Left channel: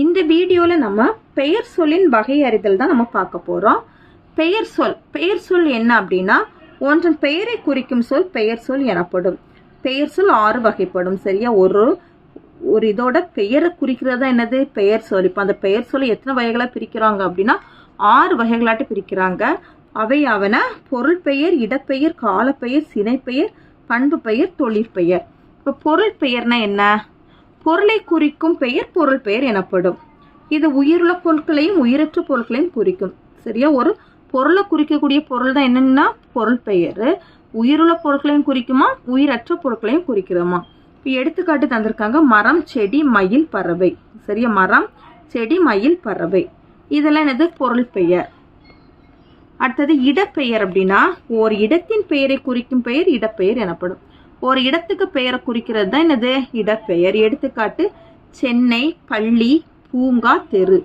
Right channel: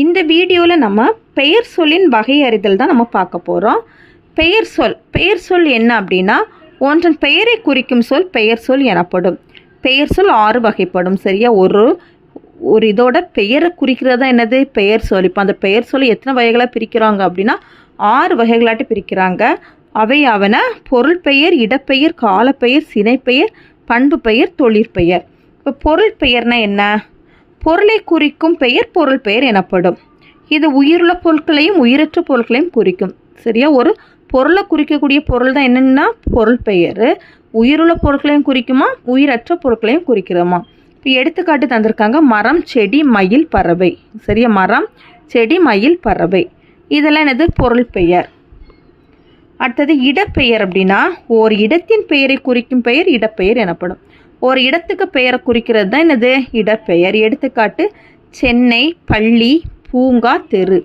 இந்த வீடியோவில் நம்ம பெயர் சொல்லின் வகையறிதல் தான் நம்ம பார்க்க போகிறோம். பெயர் சொல் என்ன அப்படின்னா, ஒன்றன் பெயரை குறிக்கும் சொல் பெயர் சொல் எனப்படும். பெயர் சொல் 6 வகைப்படும். சரியா? ஒரு இதோட பெயரை குறிக்கிறதா என்னது பெயர் சொல். இப்போ அந்த பெயர் சொல்லை எத்தனை வகைகளாக பிரிக்கிறாங்க அப்படின்னா 6 வகைகளாட்டு பிரிக்கிறாங்க. அவையாவன பொருள் பெயர், இடப்பெயர், காலப்பெயர், சினைப்பெயர், பண்பு பெயர், தொழிற்பெயர். இப்போ பொருள் பெயர்னா என்ன? பொருளை குறிக்கும் பெயர் பொருள் பெயர் எனப்படும். இது உயிருள்ள பொருட்களையும் உயிரற்ற பொருட்களையும் குறிக்கும். சரியா? ஒரு பொருளை குறிக்கக்கூடிய பொருள் தான் என்னென்னா பொருள் பெயர். உயிருள்ள பொருட்களையும் குறிக்குமா, உயிரற்ற பொருட்களையும் குறிக்கிறோமா? இப்போ எடுத்துக்காட்டு தந்திருக்காங்க, மரம், செடி, மயில், பறவை. சரியா? மரம், செடி, மயில், பறவை, இதெல்லாம் என்னது பொருள் பெயர். அடுத்தது இடப்பெயர் அப்படின்னா, ஒரு இடத்தின் பெயரை குறிக்கும் பெயர் இடப்பெயர் எனப்படும். ஒரு இடத்துக்கு பெயரை குறிக்கிறது தான் என்னது இடப்பெயர். எடுத்துக்காட்டு சென்னை, பள்ளி, பூங்கா, தெரு.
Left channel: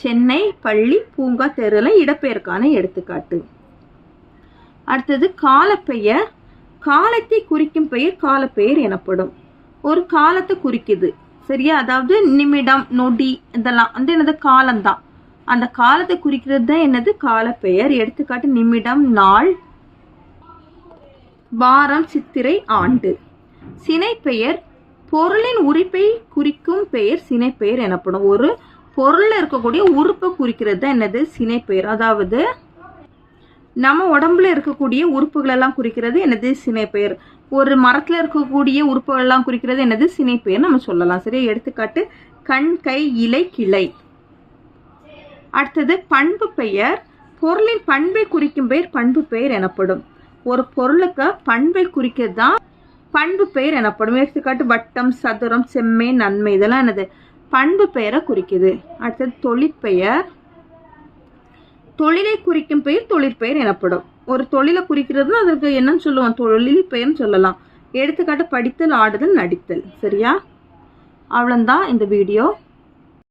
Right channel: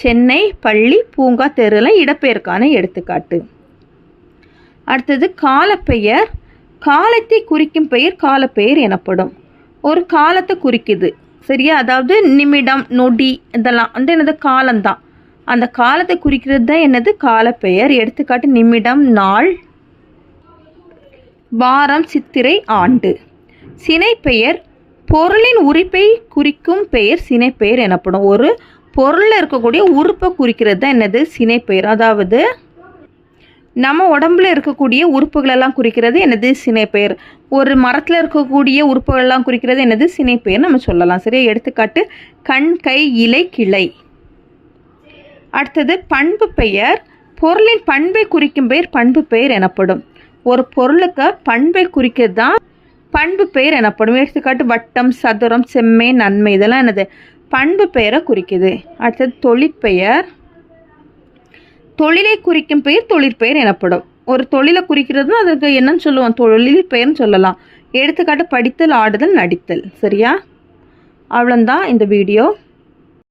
சென்னை, பள்ளி, பூங்கா, தெருலாம் இடப்பெயருக்கான எடுத்துக்காட்டு. அடுத்தது காலப்பெயர். காலத்தை குறிக்கும் பெயர் காலப்பெயர் எனப்படும். ஒரு காலத்தை குறிக்குது. சரியா? அதாவது நிமிடம், நொடி, இதெல்லாம் வந்து என்னது காலம்தான். அந்த காலத்தை குறிக்கிறது தான் என்னது காலப்பெயர். எடுத்துக்காட்டு நிமிடம், நாள், வாரம், சித்திரை, ஆண்டு. சினைப்பெயர் பொருளின் உறுப்பை குறிக்கும் பெயர் சினைப்பெயர் எனப்படும். ஒரு பொருளில் இருக்கக்கூடிய உறுப்பை குறிக்கிறது தான் என்னது சினைப்பெயர். அதாவது நம்ம உடம்புல இருக்கக்கூடிய உறுப்புகளெல்லாம் குறிக்கிறது என்னது சினைப்பெயர். ஒரு மரத்தில் இருக்கக்கூடிய உறுப்புகள்லாம் குறிக்கிறது என்னது சினைப்பெயர் நம்ம சொல்லலாம். சரியா? எடுத்துக்காட்டு கண், கை, இலை, கிளை. அடுத்தது பண்பு பெயர். பொருளின் பண்பை குறிக்கும் பெயர் பண்பு பெயர் எனப்படும். ஒரு பொருளுக்கு பண்பை குறிக்கிறது தான் பண்பு பெயர் எனப்படும். எடுத்துக்காட்டு வட்டம், சதுரம், செம்மை, நன்மை, இதெல்லாம் என்னது பண்பு பெயரை குறிக்குது. அடுத்தது தொழிற்பெயர். தொழிலை குறிக்கும் பெயர் தொழிற்பெயர் எனப்படும். ஒரு தொழிலை குறிக்கிறது அதுக்கு என்னன்னு சொல்லுவோம், தொழில் பெயர்னு சொல்லலாம். எடுத்துக்காட்டு படித்தல், ஆடுதல், நடித்தல். சரியா? அவ்வளோதான் இந்த வீடியோ.